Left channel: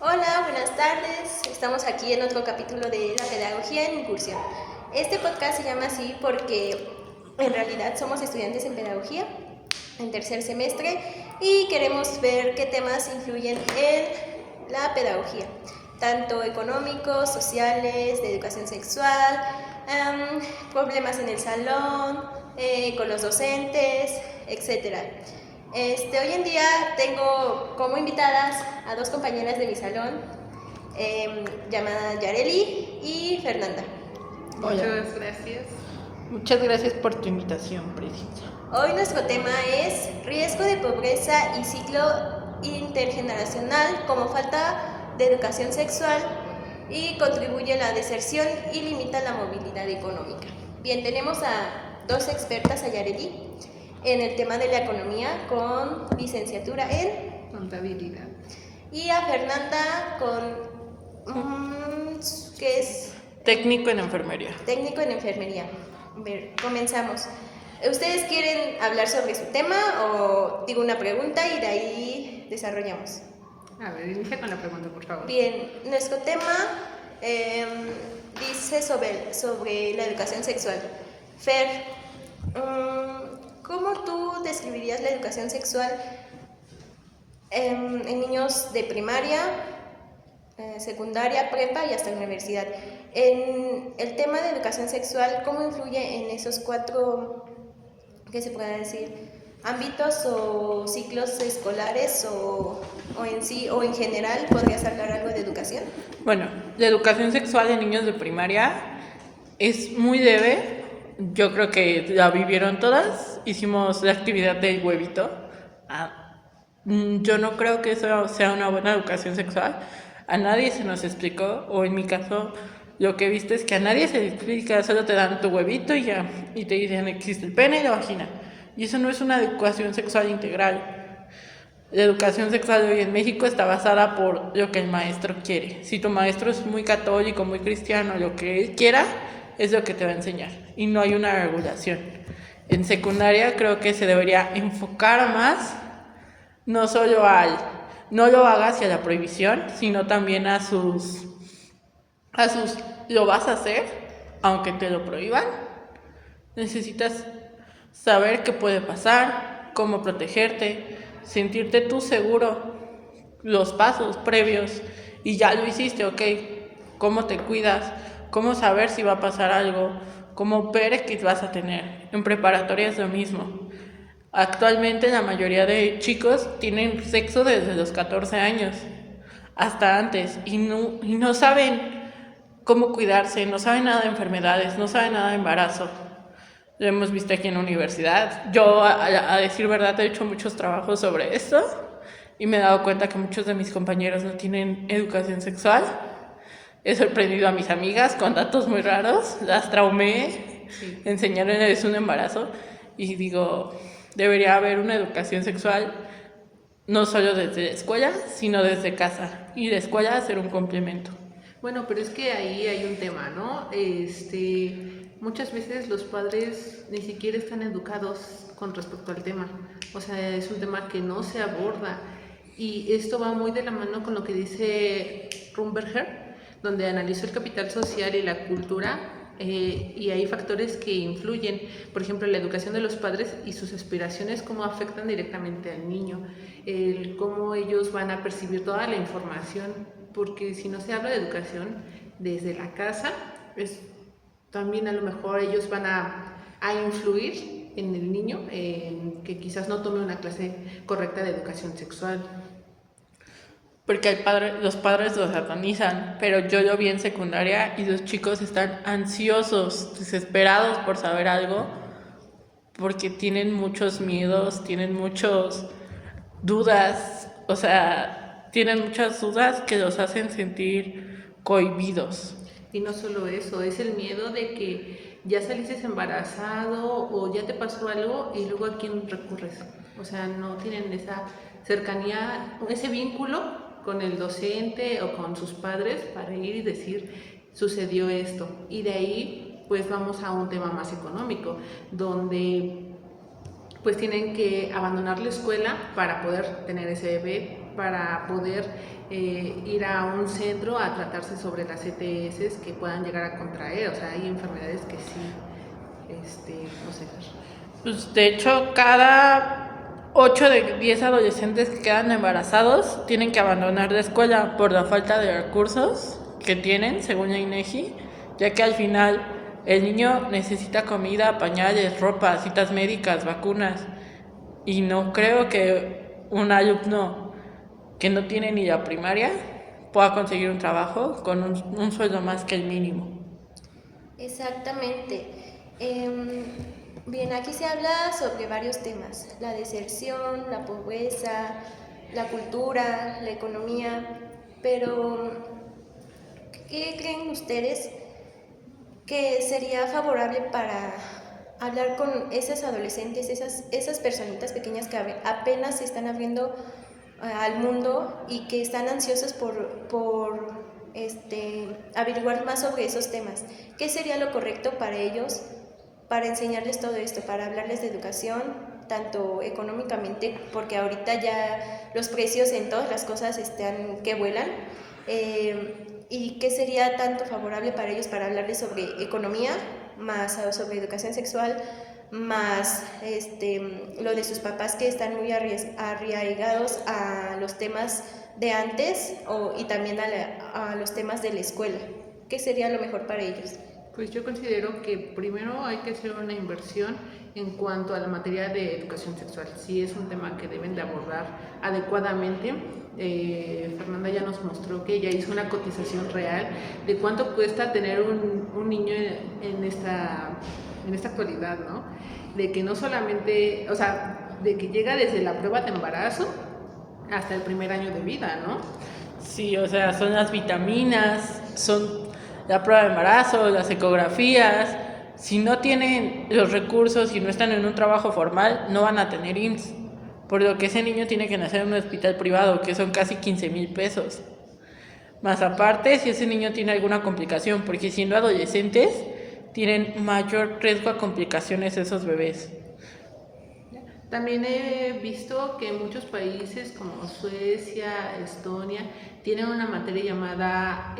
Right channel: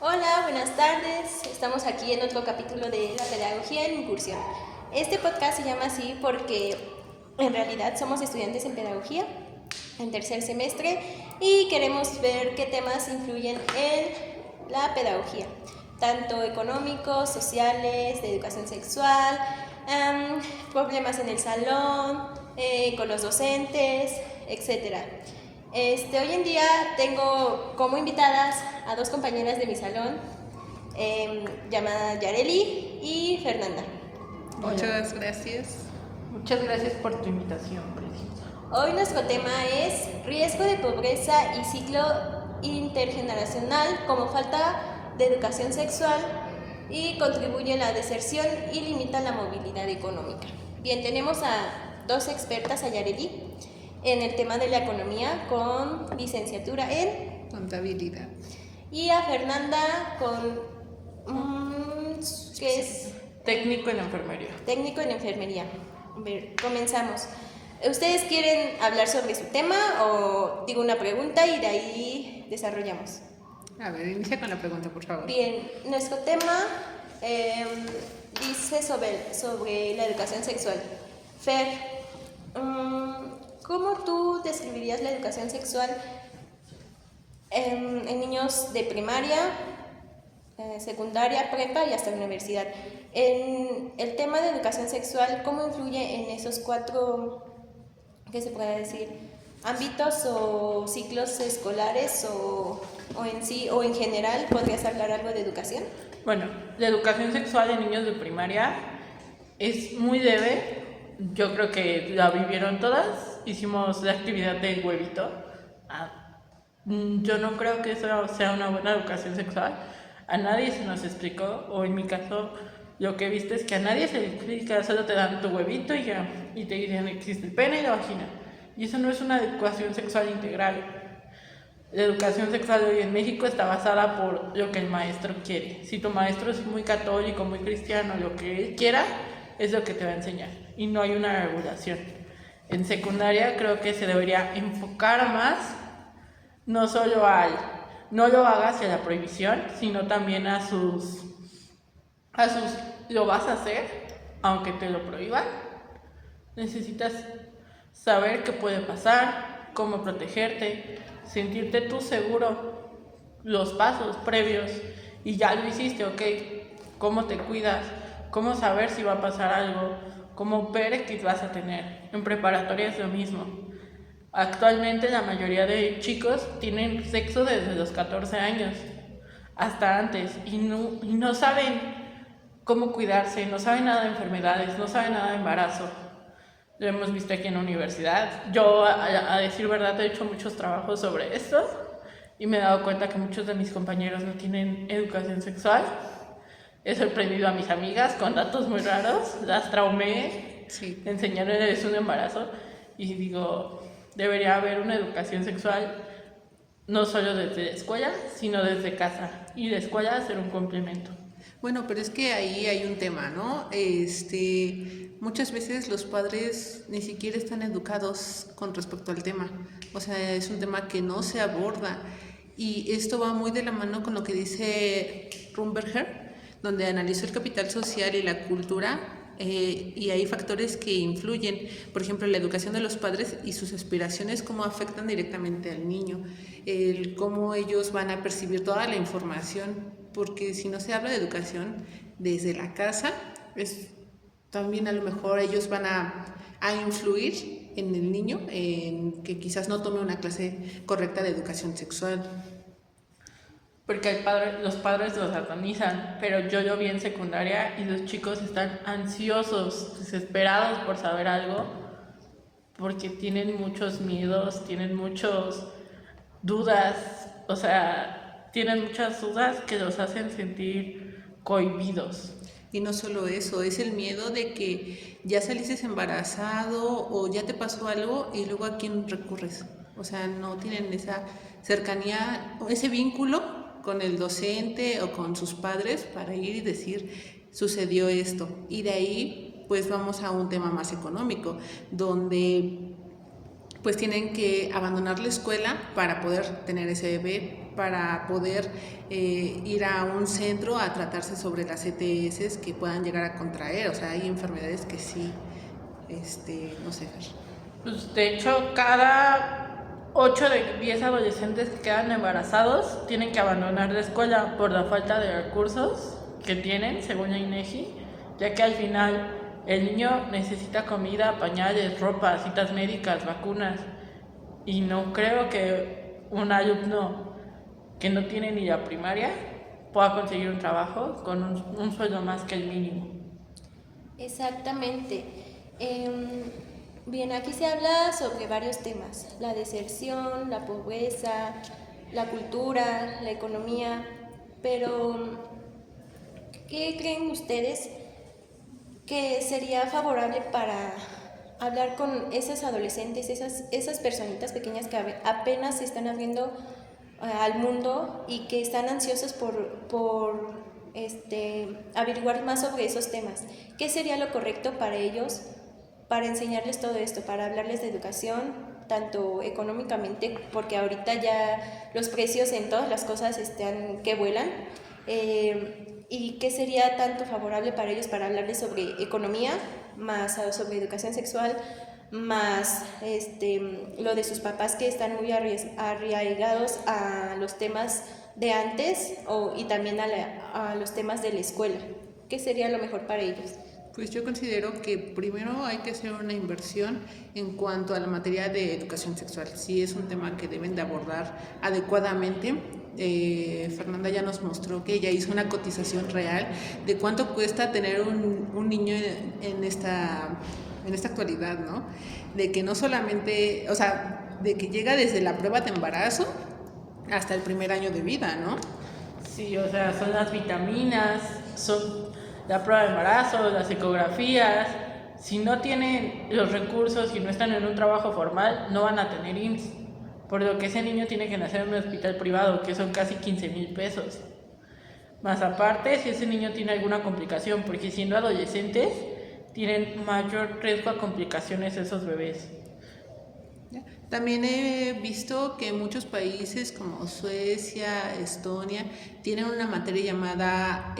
Hola, buenas tardes. Estamos aquí en otro capítulo de la pedagogía en incursión. Este podcast se llama así porque en realidad somos estudiantes en pedagogía en tercer semestre y queremos ver qué temas influyen en la pedagogía, tanto económicos, sociales, de educación sexual, problemas en el salón, con los docentes, etc. Hoy en día tengo como invitadas a dos compañeras de mi salón, llamadas Yareli y Fernanda. Muchas gracias. Muchas gracias por tu invitación, Preciosa. Hoy nuestro tema es riesgo de pobreza y ciclo intergeneracional como falta de educación sexual y contribuye a la deserción y limita la movilidad económica. Bien, tenemos a dos expertas, a Yareli en el tema de la economía con licenciatura en Contabilidad. y a Fernanda con ¿qué es? Técnico en enfermería. Técnico en enfermería. A ver, comenzamos. ¿Ustedes quieren hablar sobre su tema o digo una pregunta y de ahí desarrollamos? A ver, inicia con la pregunta, por favor. Bien, nuestro tema dice sobre la educación sexual. Fer, ¿cómo tú describirías la educación sexual en niños de primaria, secundaria, prepa y hasta la universidad? En el tema de educación sexual, ¿cómo influye en esos cuatro, qué se puede decir, ámbitos o ciclos escolares o en sí o en general? ¿Podrías hablar algo de educación? Bueno, la educación sexual de niños de primaria es muy leve. Yo creo que la vivieron todas. Hicimos la actividad del huevito. Yo no creo que eso sea una buena educación sexual. A nadie se nos explicó, o en mi caso, lo que he visto es que a nadie se le explica, solo te dan tu huevito y ya, y te dicen existe el pene y la vagina. Y eso no es una educación sexual integral. La educación sexual hoy en México está basada por lo que el maestro quiere. Si tu maestro es muy católico, muy cristiano, lo que él quiera es lo que te va a enseñar. Y no hay una regulación. En secundaria creo que se debería enfocar más, no solo al no lo hagas hacia la prohibición, sino también a sus lo vas a hacer, aunque te lo prohíban. Necesitas saber qué puede pasar, cómo protegerte, sentirte tú seguro, los pasos previos, y ya lo hiciste, ok, cómo te cuidas, cómo saber si va a pasar algo, cómo ver qué vas a tener. En preparatoria es lo mismo. Actualmente la mayoría de chicos tienen sexo desde los 14 años, hasta antes, y no saben cómo cuidarse, no saben nada de enfermedades, no saben nada de embarazo. Lo hemos visto aquí en la universidad. Yo, a decir verdad, he hecho muchos trabajos sobre esto y me he dado cuenta que muchos de mis compañeros no tienen educación sexual. He sorprendido a mis amigas con datos muy raros, las traumé, Sí. enseñándoles un embarazo y digo, debería haber una educación sexual no solo desde la escuela, sino desde casa, y la escuela ser un complemento. Bueno, pero es que ahí hay un tema, ¿no? Muchas veces los padres ni siquiera están educados con respecto al tema. O sea, es un tema que no se aborda. Y esto va muy de la mano con lo que dice Rumberger, donde analizó el capital social y la cultura. Y hay factores que influyen, por ejemplo, la educación de los padres y sus aspiraciones, cómo afectan directamente al niño, cómo ellos van a percibir toda la información, porque si no se habla de educación desde la casa, también a lo mejor ellos van a influir en el niño, que quizás no tome una clase correcta de educación sexual. Porque los padres los satanizan, pero yo lo vi en secundaria y los chicos están ansiosos, desesperados por saber algo, porque tienen muchos miedos, tienen muchas dudas, o sea, tienen muchas dudas que los hacen sentir cohibidos. Y no solo eso, es el miedo de que ya saliste embarazado o ya te pasó algo y luego a quién recurres. O sea, no tienen esa cercanía, ese vínculo con el docente o con sus padres para ir y decir, sucedió esto. Y de ahí, pues vamos a un tema más económico, donde pues tienen que abandonar la escuela para poder tener ese bebé, para poder ir a un centro a tratarse sobre las ETS que puedan llegar a contraer. O sea, hay enfermedades que sí, no sé. Pues de hecho, cada 8 de 10 adolescentes que quedan embarazados tienen que abandonar la escuela por la falta de recursos que tienen, según la INEGI, ya que al final el niño necesita comida, pañales, ropa, citas médicas, vacunas. Y no creo que un alumno que no tiene ni la primaria pueda conseguir un trabajo con un sueldo más que el mínimo. Exactamente. Bien, aquí se habla sobre varios temas: la deserción, la pobreza, la cultura, la economía, pero ¿qué creen ustedes que sería favorable para hablar con esas adolescentes, esas personitas pequeñas que apenas se están abriendo al mundo y que están ansiosos por averiguar más sobre esos temas? ¿Qué sería lo correcto para ellos, para enseñarles todo esto, para hablarles de educación, tanto económicamente, porque ahorita ya los precios en todas las cosas están que vuelan? ¿Y qué sería tanto favorable para ellos para hablarles sobre economía, más sobre educación sexual, más lo de sus papás que están muy arraigados a los temas de antes y también a los temas de la escuela? ¿Qué sería lo mejor para ellos? Pues yo considero que primero hay que hacer una inversión en cuanto a la materia de educación sexual. Sí es un tema que deben de abordar adecuadamente. Fernanda ya nos mostró que ella hizo una cotización real de cuánto cuesta tener un niño en esta actualidad, ¿no? De que no solamente, o sea, de que llega desde la prueba de embarazo hasta el primer año de vida, ¿no? Sí, o sea, son las vitaminas, son la prueba de embarazo, las ecografías. Si no tienen los recursos y no están en un trabajo formal, no van a tener IMSS. Por lo que ese niño tiene que nacer en un hospital privado, que son casi 15,000 pesos. Más aparte, si ese niño tiene alguna complicación, porque siendo adolescentes, tienen mayor riesgo a complicaciones esos bebés. También he visto que muchos países como Suecia, Estonia, tienen una materia llamada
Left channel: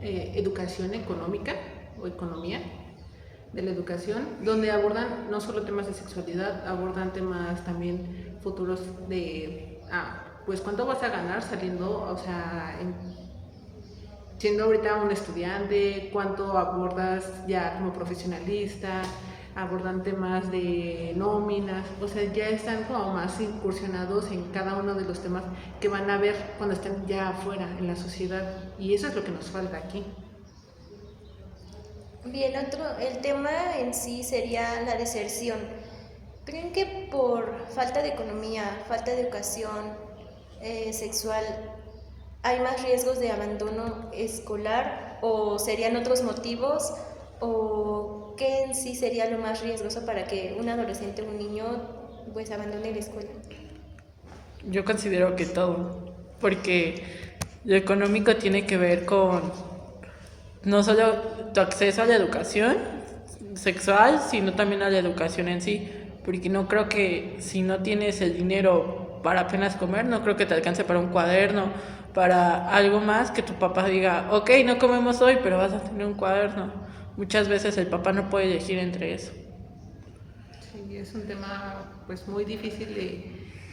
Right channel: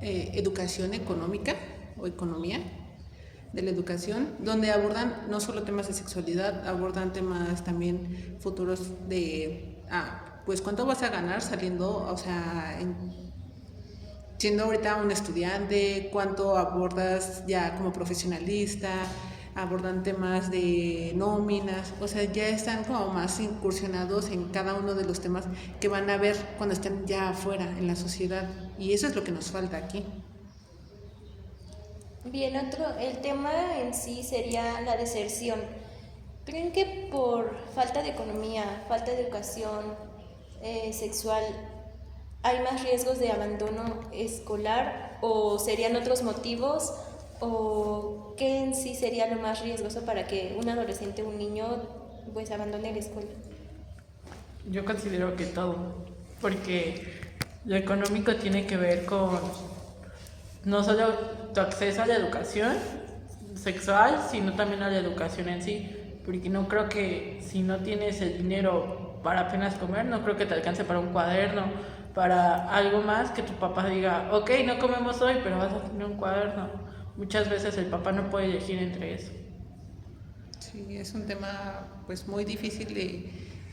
educación económica o economía de la educación, donde abordan no solo temas de sexualidad, abordan temas también futuros de, pues cuánto vas a ganar saliendo, o sea, siendo ahorita un estudiante, cuánto abordas ya como profesionalista, abordan temas de nóminas, o sea, ya están como más incursionados en cada uno de los temas que van a ver cuando estén ya afuera en la sociedad, y eso es lo que nos falta aquí. Bien, el tema en sí sería la deserción. ¿Creen que por falta de economía, falta de educación sexual, hay más riesgos de abandono escolar, o serían otros motivos, o qué en sí sería lo más riesgoso para que un adolescente o un niño pues abandone la escuela? Yo considero que todo, porque lo económico tiene que ver con no solo tu acceso a la educación sexual, sino también a la educación en sí, porque no creo que si no tienes el dinero para apenas comer, no creo que te alcance para un cuaderno, para algo más que tu papá diga, ok, no comemos hoy, pero vas a tener un cuaderno. Muchas veces el papá no puede elegir entre eso. Sí, es un tema pues muy difícil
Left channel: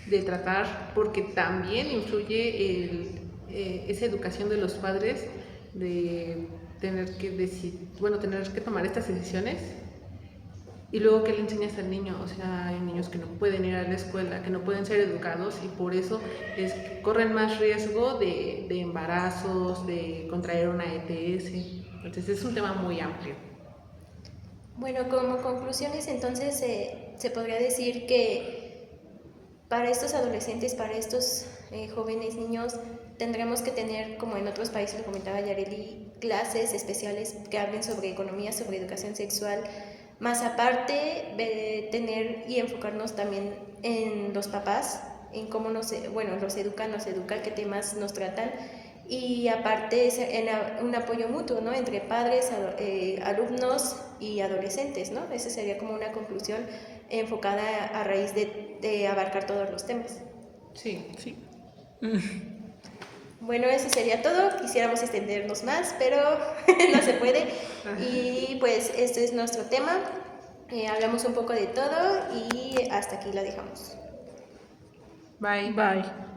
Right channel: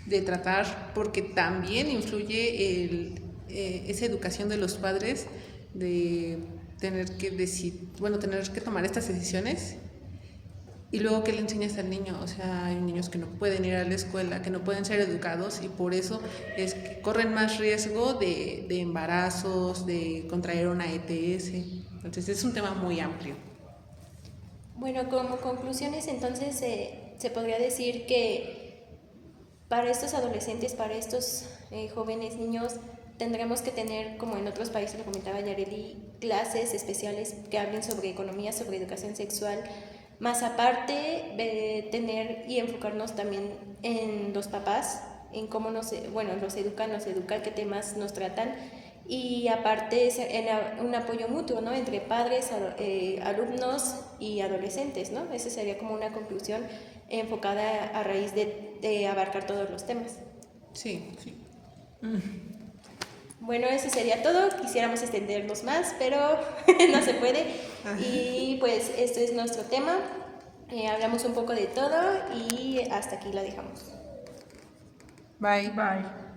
de tratar, porque también influye esa educación de los padres de tener que tener que tomar estas decisiones, y luego que le enseñas al niño. O sea, hay niños que no pueden ir a la escuela, que no pueden ser educados, y por eso es que corren más riesgo de embarazos, de contraer una ETS. Entonces es un tema muy amplio. Bueno, como conclusiones, entonces se podría decir que para estos adolescentes, para estos jóvenes niños, tendremos que tener, como en otros países lo comentaba Yareli, clases especiales que hablen sobre economía, sobre educación sexual, más aparte de tener y enfocarnos también en los papás, en cómo los educan, qué temas nos tratan, y aparte en un apoyo mutuo, ¿no?, entre padres, alumnos y adolescentes, ¿no? Esa sería como una conclusión enfocada a raíz de abarcar todos los temas. Sí, sí. Bueno, eso sería todo. Quisiéramos extendernos más, pero no se puede. Y pues este es nuestro tema. Hablamos un poco de todo y hasta aquí la dejamos. Bye. Bye.